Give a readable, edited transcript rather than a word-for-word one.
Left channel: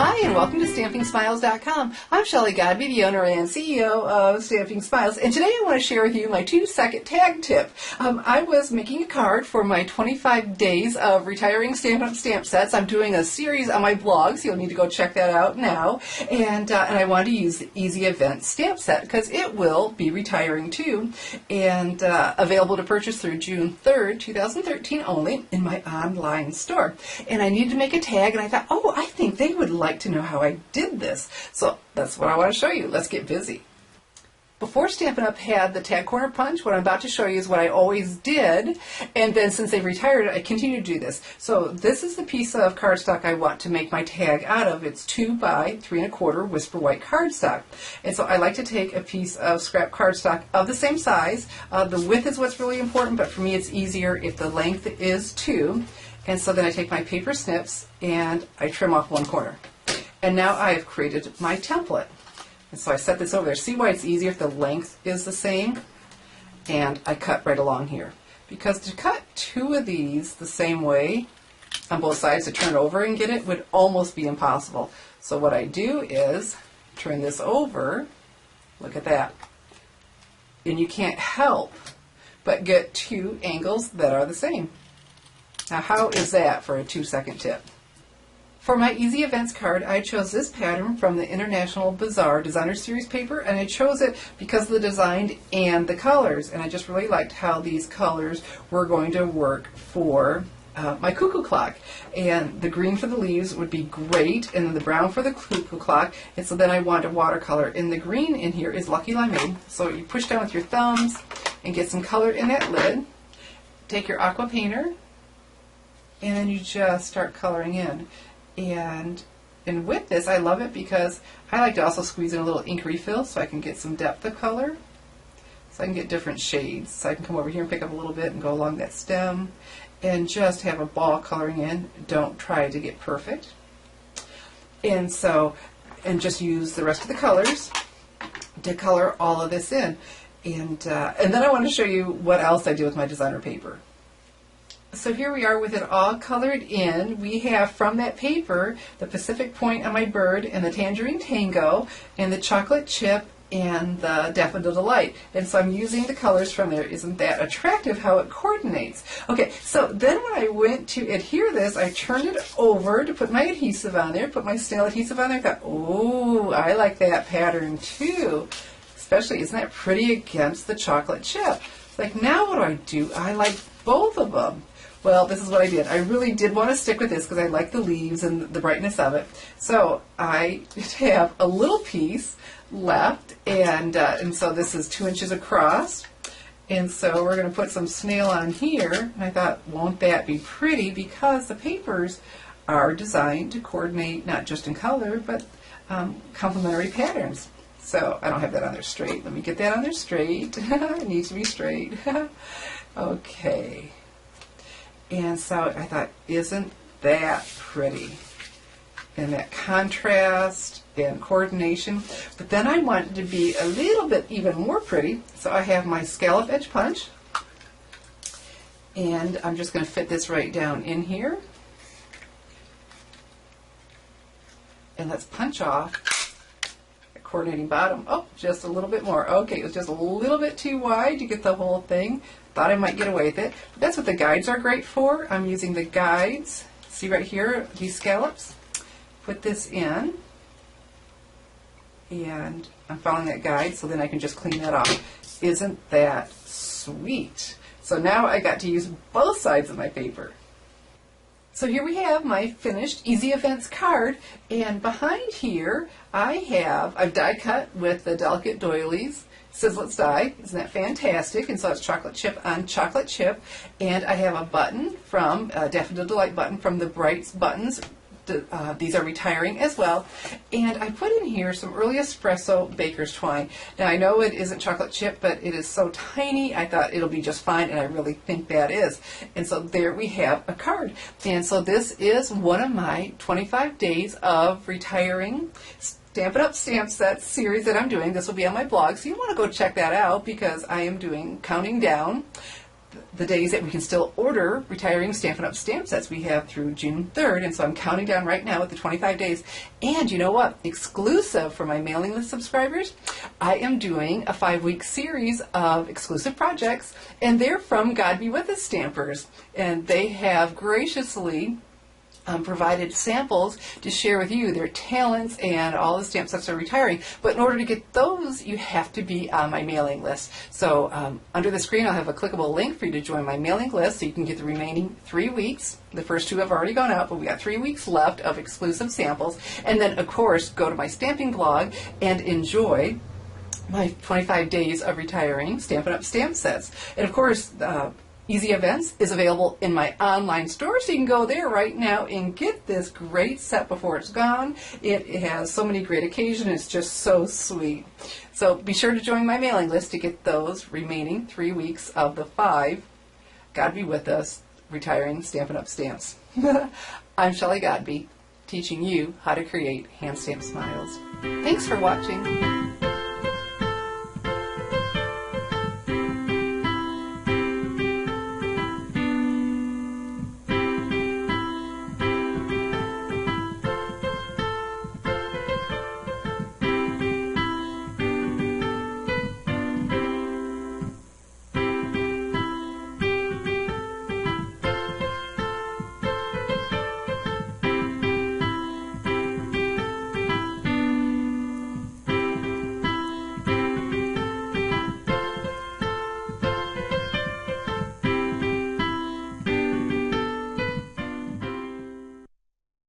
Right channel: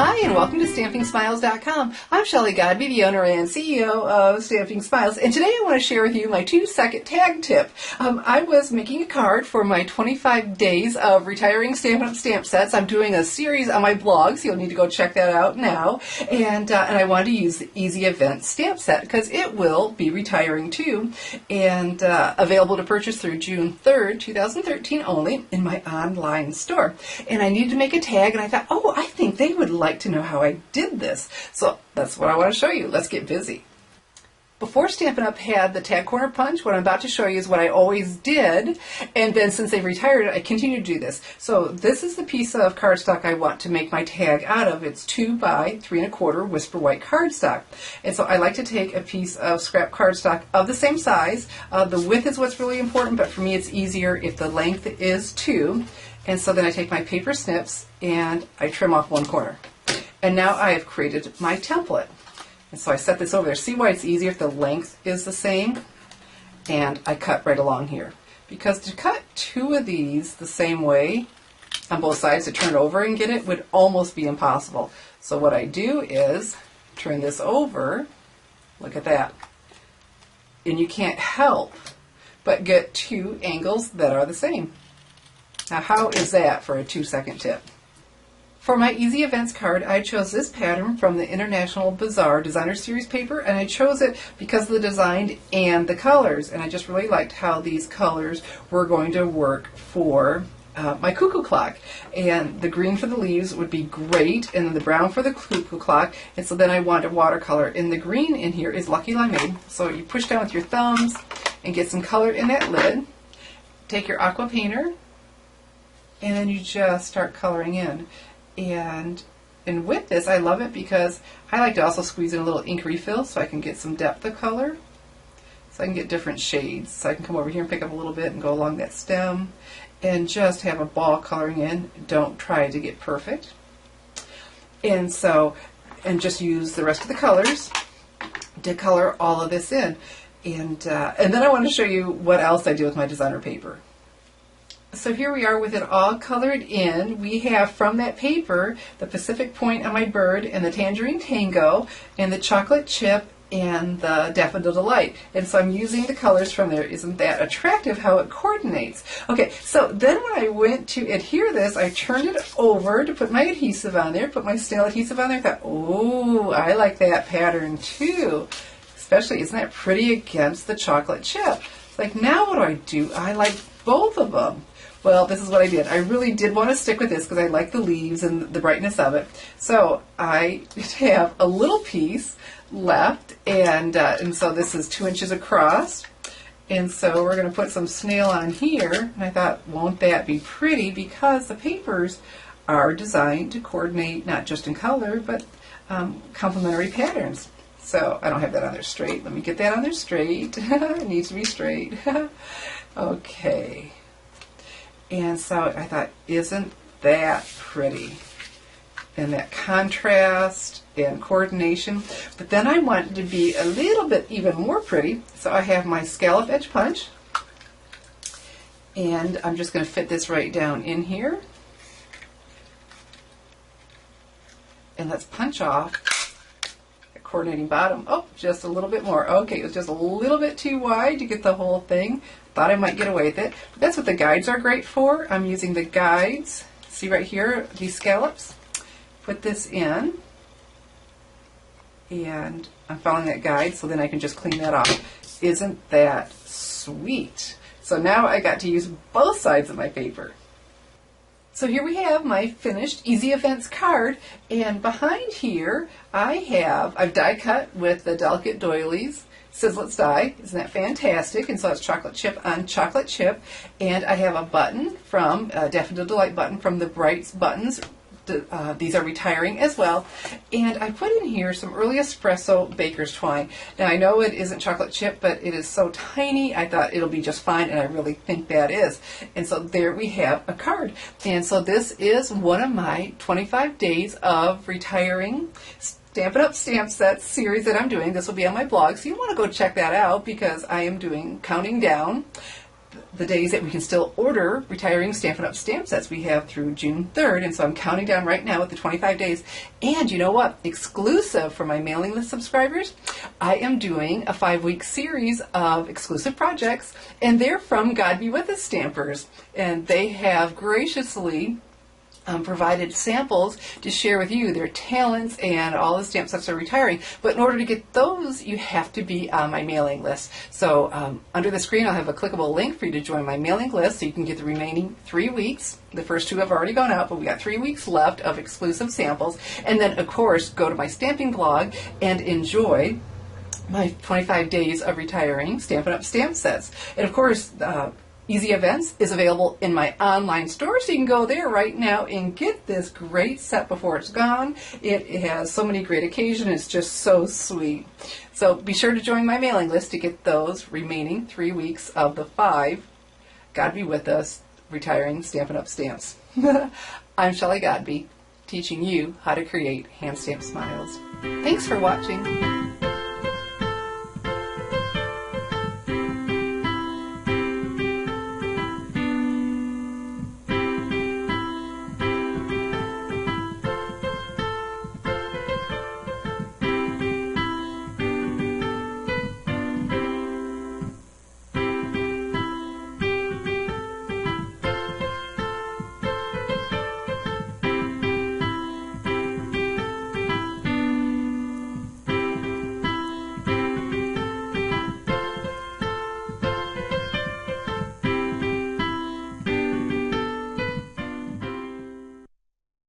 Hi, and welcome to StampingSmiles.com. I'm Shelley Godby, the owner and CEO of Stamping Smiles, and today I want to share with you my 2-second tag tip. I was making a card for my 25 days of retiring Stampin' Up! Stamp sets. I'm doing a series on my blog, so you'll need to go check that out now. And I wanted to use the Easy Event stamp set because it will be retiring too, and available to purchase through June 3rd, 2013 only in my online store. And I needed to make a tag, and I thought, oh, I think they would like to know how I did this. So that's what I want to show you. Let's get busy. Before Stampin' Up! Had the tag corner punch, what I'm about to show you is what I always did, and then since they've retired, I continue to do this. So this is the piece of cardstock I want to make my tag out of. It's 2 by 3 1/4 Whisper White cardstock. And so I like to take a piece of scrap cardstock of the same size. The width is what's really important, but for me it's easier if the length is 2. And so then I take my paper snips and I trim off one corner. And now I have created my template. And so I set this over there. See why it's easier if the length is the same? And I cut right along here. Because to cut 2 of these the same way on both sides to turn it over and get it would almost be impossible. So what I do is turn this over. Look at that. And you can't help but get 2 angles that are the same. Now how is that for a 2-second tip? For my Easy Events card, I chose this pattern from the International Bazaar Designer Series paper, and I chose it because of the design and the colors, and I just really liked how these colors were going to work for my cuckoo clock. And the green for the leaves would be great, and then the brown for the cuckoo clock, and so then I wanted watercolor. And the green in here is Lucky Limeade, so you push down with your thumbs and get some color in that lid. Take your aqua painter, and then you just start coloring in. And with this, I love it because I like to also squeeze in a little ink refill so I can get some depth of color. So I can get different shades. So I can come over here and pick up a little bit and go along that stem and just have a ball coloring in. Don't try to get perfect. And just use the rest of the colors to color all of this in. And then I want to show you what else I do with my designer paper. So here we are with it all colored in. We have from that paper the Pacific Point on my bird and the Tangerine Tango and the Chocolate Chip and the Daffodil Delight. And so I'm using the colors from there. Isn't that attractive how it coordinates? Okay, so then when I went to adhere this, I turned it over to put my adhesive on there, put my snail adhesive on there. I thought, oh, I like that pattern too. Especially, isn't that pretty against the chocolate chip? It's like, now what do? I like both of them. Well, this is what I did. I really did want to stick with this because I like the leaves and the brightness of it. So I have a little piece left, and so this is 2 inches across. And so we're going to put some snail on here. And I thought, won't that be pretty? Because the papers are designed to coordinate not just in color, but complementary patterns. So I don't have that on there straight. Let me get that on there straight. It needs to be straight. Okay. And so I thought, isn't that pretty? And that contrast and coordination. But then I wanted to be a little bit even more pretty. So I have my scallop edge punch. And I'm just going to fit this right down in here. And let's punch off the coordinating bottom. Oh, just a little bit more. Okay, it was just a little bit too wide to get the whole thing. Thought I might get away with it. But that's what the guides are great for. I'm using the guides. See right here, these scallops? Put this in. And I'm following that guide so then I can just clean that off. Isn't that sweet? So now I got to use both sides of my paper. So here we have my finished Easy Events card, and behind here I've die cut with the delicate doilies. It says let's die. Isn't that fantastic? And so it's chocolate chip on chocolate chip, and I have a button from Daffodil Delight button from the Brights buttons. These are retiring as well, and I put in here some early espresso baker's twine. Now I know it isn't chocolate chip, but it is so tiny I thought it'll be just fine, and I really think that is. And so there we have a card. And so this is one of my 25 days of retiring Stampin' Up! Stamp Sets series that I'm doing. This will be on my blog, so you want to go check that out because I am counting down the days that we can still order retiring Stampin' Up! Stamp sets. We have through June 3rd, and so I'm counting down right now with the 25 days. And you know what? Exclusive for my mailing list subscribers, I am doing a 5-week series of exclusive projects, and they're from God Be With Us stampers. And they have graciously provided samples to share with you their talents, and all the stamp sets are retiring. But in order to get those, you have to be on my mailing list. So under the screen, I'll have a clickable link for you to join my mailing list so you can get the remaining 3 weeks. The first 2 have already gone out, but we got 3 weeks left of exclusive samples. And then, of course, go to my stamping blog and enjoy my 25 days of retiring Stampin' Up! Stamp sets. And of course, Easy Events is available in my online store, so you can go there right now and get this great set before it's gone. It has so many great occasions. It's just so sweet. So be sure to join my mailing list to get those remaining 3 weeks of the 5 God Be With Us retiring Stampin' Up! Stamps. I'm Shelley Godby, teaching you how to create hand stamped smiles. Thanks for watching.